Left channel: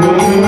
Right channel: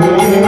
Hare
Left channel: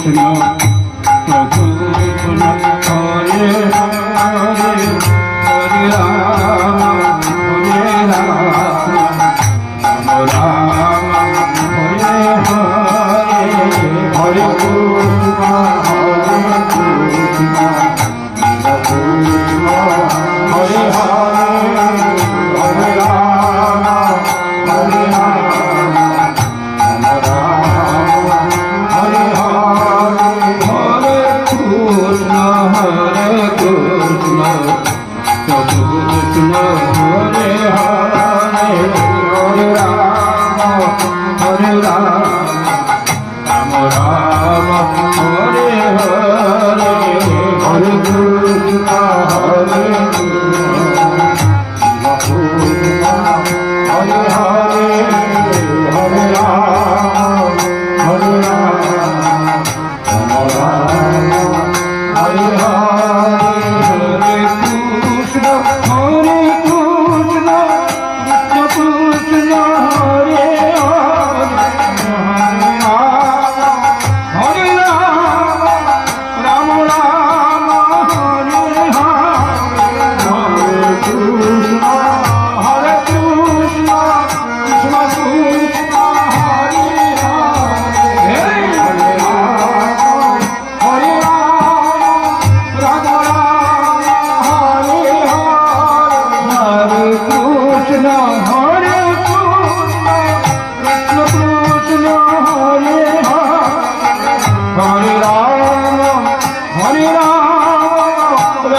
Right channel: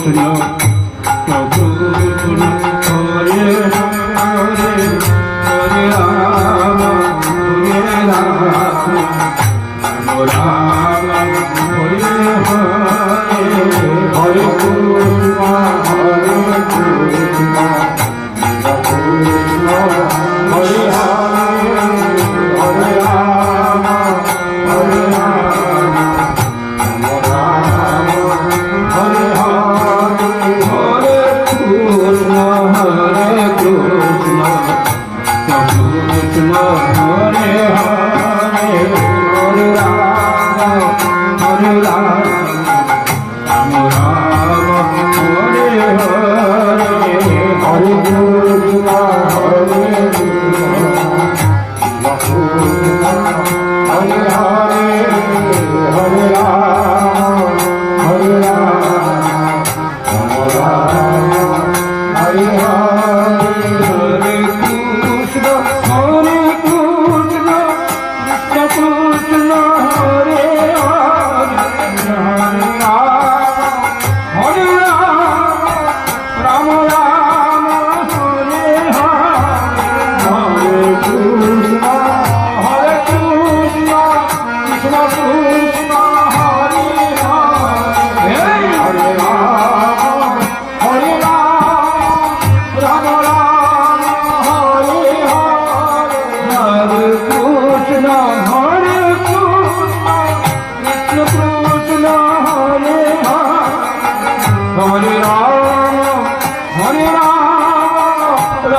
Krishna Hare Hare Hare Rama Hare Rama Rama Rama Hare Hare Hare Krishna Hare Krishna Krishna Hare Hare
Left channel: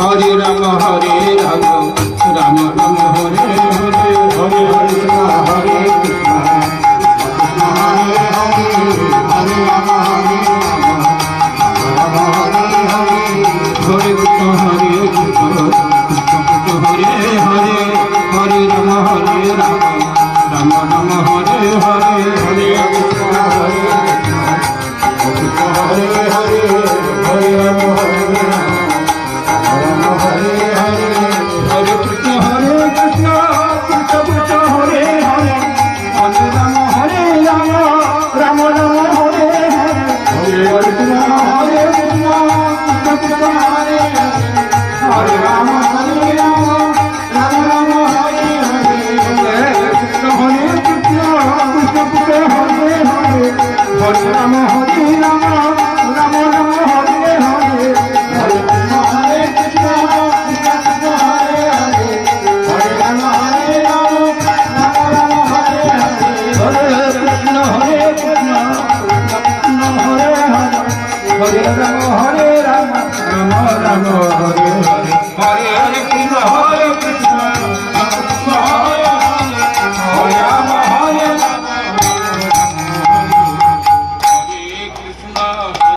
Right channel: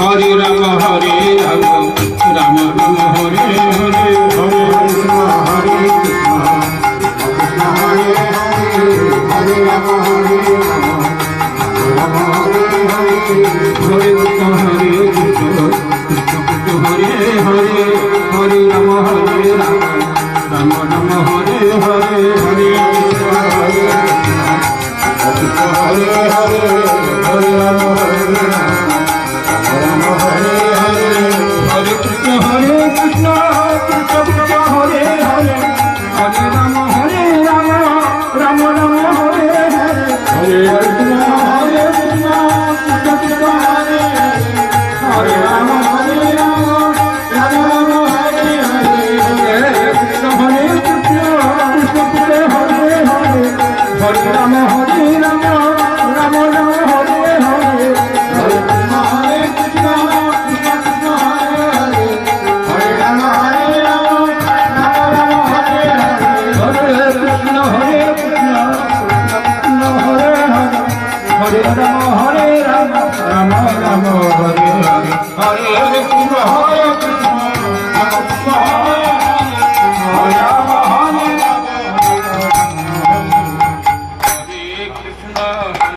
Hare Rama Hare Rama Rama Hare Hare Hare Krishna Hare Krishna Krishna Hare Hare Hare Rama Hare Rama Rama Rama Hare Hare Hare Krishna Hare Krishna Hare Hare Hare Rama Hare Rama Hare Hare Hare Krishna Hare Krishna Krishna Krishna Hare Hare Hare Rama Hare Rama Rama Rama Hare Hare Hare Krishna Hare Krishna Krishna Krishna Hare Hare Rama Hare Rama Rama Rama Hare Hare Hare Krishna Hare Krishna Krishna Krishna Hare Hare Hare Rama Hare Rama Rama Rama Hare Hare Hare Krishna Hare Krishna Krishna Krishna Hare Hare Hare Rama Hare Rama Rama Rama Hare Hare Hare Krishna Hare Krishna Krishna Krishna Hare Hare Hare Rama Hare Rama Rama Rama Hare